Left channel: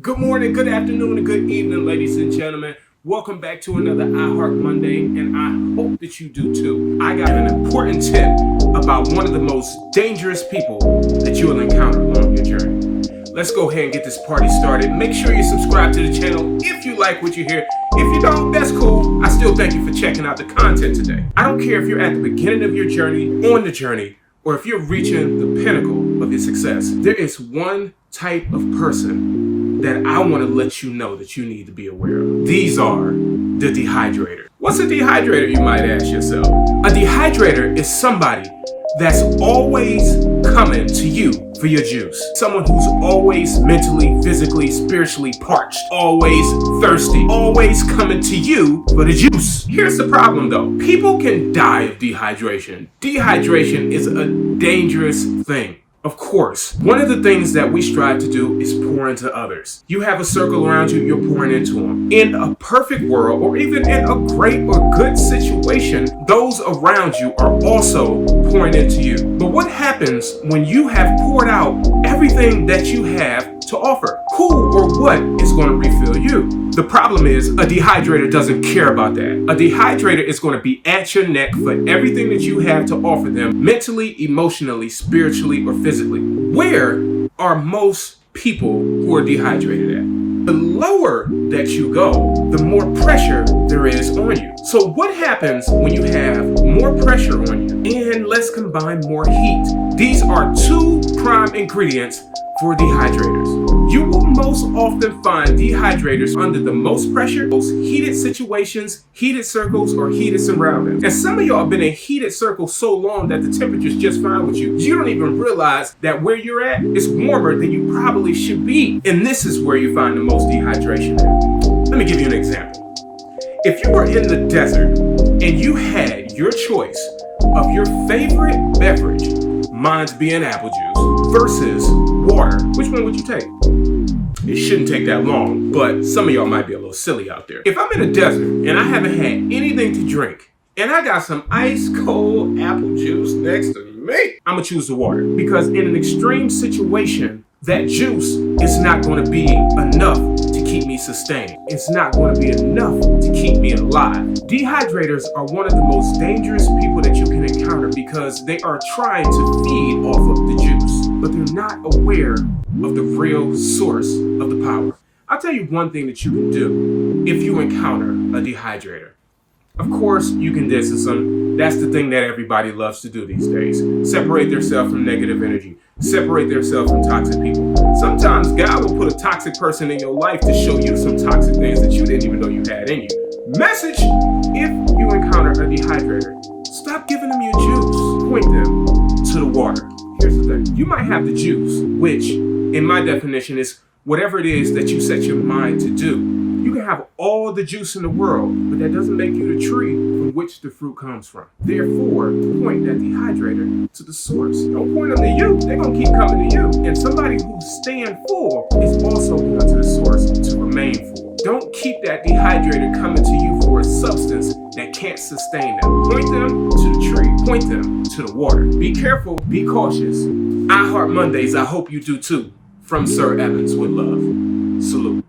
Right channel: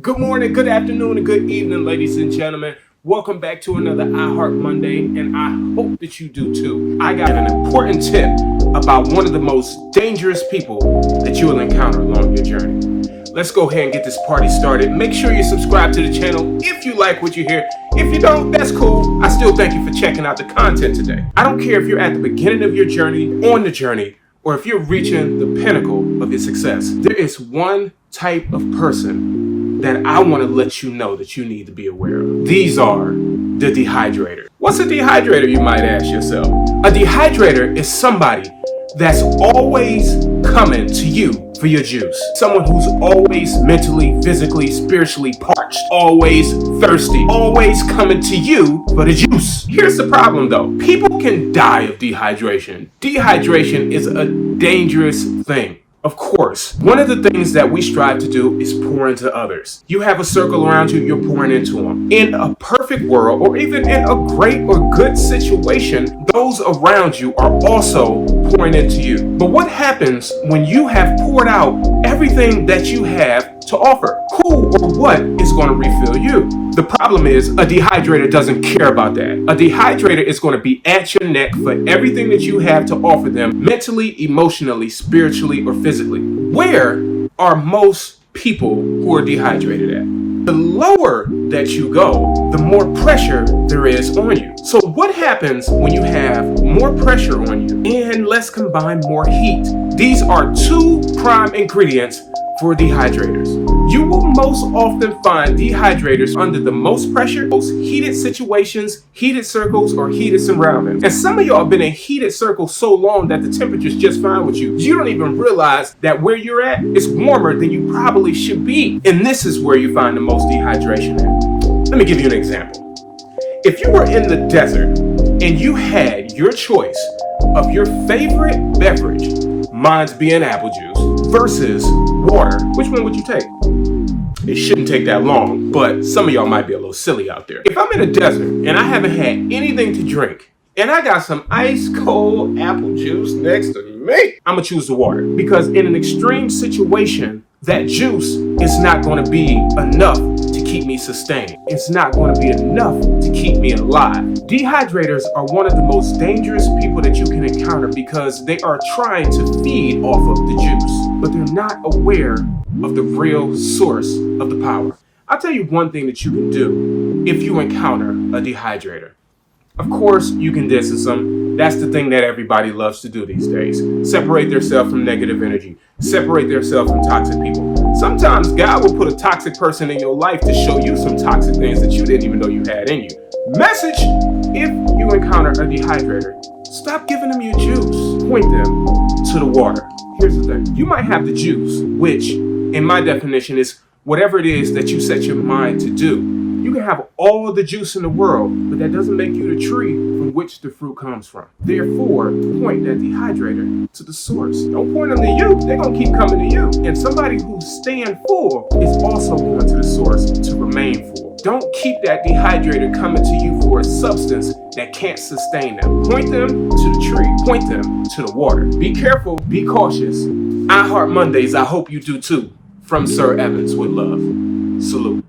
Good morning, good afternoon, and good evening, ladies and gentlemen. Welcome back to another iHeart Monday, and I hope that you do too. I got an important tip about one of the most dangerous people that you will encounter along your journey. Let's go ahead and get this party started. Make sure you subscribe to the channel if you like what you hear. If you don't, that's cool. I still thank you for checking out the content today. I don't care if you're at the beginning of your journey, on the journey, or if you're reaching the pinnacle of your success. There is one type of person that I want to let you know that you need to be aware of. These are the dehydrators. What's a dehydrator, you might ask yourself? A dehydrator is somebody that's always coming to you for your juice. Someone who's always mentally, physically, spiritually parched, always thirsty, always coming to you for the juice. Here's the problem though. People can die of dehydration. Dehydration is a dangerous thing. Of course, one of the things that we strive to do is pour into others. You have a circle around you, you're pouring into them. In a perfect world, or even in a great or good situation, those around you are also pouring into you. But what happens when you have poured out everything that you have to offer? Who or what is going to refill you? The problem is a dehydrator doesn't care about that. A dehydrator is going to be at your neck for everything that you have to offer them mentally, emotionally, spiritually, or physically. Where are most people who are dehydrated at? The lower that you go, the more pressure there is on you. So what happens when you have more pressure on you? And let's combine more heat. These are two prime ingredients for dehydrators. You will most often find dehydrators under the most pressure, most heated situations, heated circles, or heated surroundings. And some of y'all have been in heated circles so long that the temperature's just fine with you. You don't even realize that where you're at is warmer than you probably should be. And this is where you find the most dehydration at. Let me give you an example. If you were in the desert and you had your choice of your favorite beverage, mine's being apple juice, versus water, which one would you take? It shouldn't take that long, but some of y'all might be a little silly out there. If I'm in a desert and I haven't had anything to drink, and I got some ice cold apple juice next to me, I'm gonna choose the water. Because in an extreme situation, that juice is not gonna be enough to keep me sustained. It's not gonna be enough to keep me alive. Dehydrators are one of the most dangerous people that you can encounter because they are trying to feed off of the juice, but they're not aware of the real source of the power. I'll tell you one thing that you can do if you encounter a dehydrator. Of course, you can distance them. That's the thing that everybody loves to do these days. Separate themselves from negative energy. Separate themselves from toxic people. Sometimes God will put a toxic person in your life to show you some toxic things that you didn't even know you had in you. Message: if you encounter a dehydrator, stop giving them your juice. Point them to the water. Here's the thing. You might have the juice, which in my definition is whatever it is that you set your mind to do. You can have all the juice in the world, but that doesn't make you the tree from which the fruit comes from. Therefore, point that dehydrator to the source. Don't point them to you. They're going to keep coming to you. And somebody who's staying full is also going to the source to remain full. Don't keep that dehydrator coming to you for a substance that can't sustain them. Point them to the tree. Point them to the water. Be careful. Be cautious. iHeart Mondays, I hope you do too. From Sir Evans with love. Salute.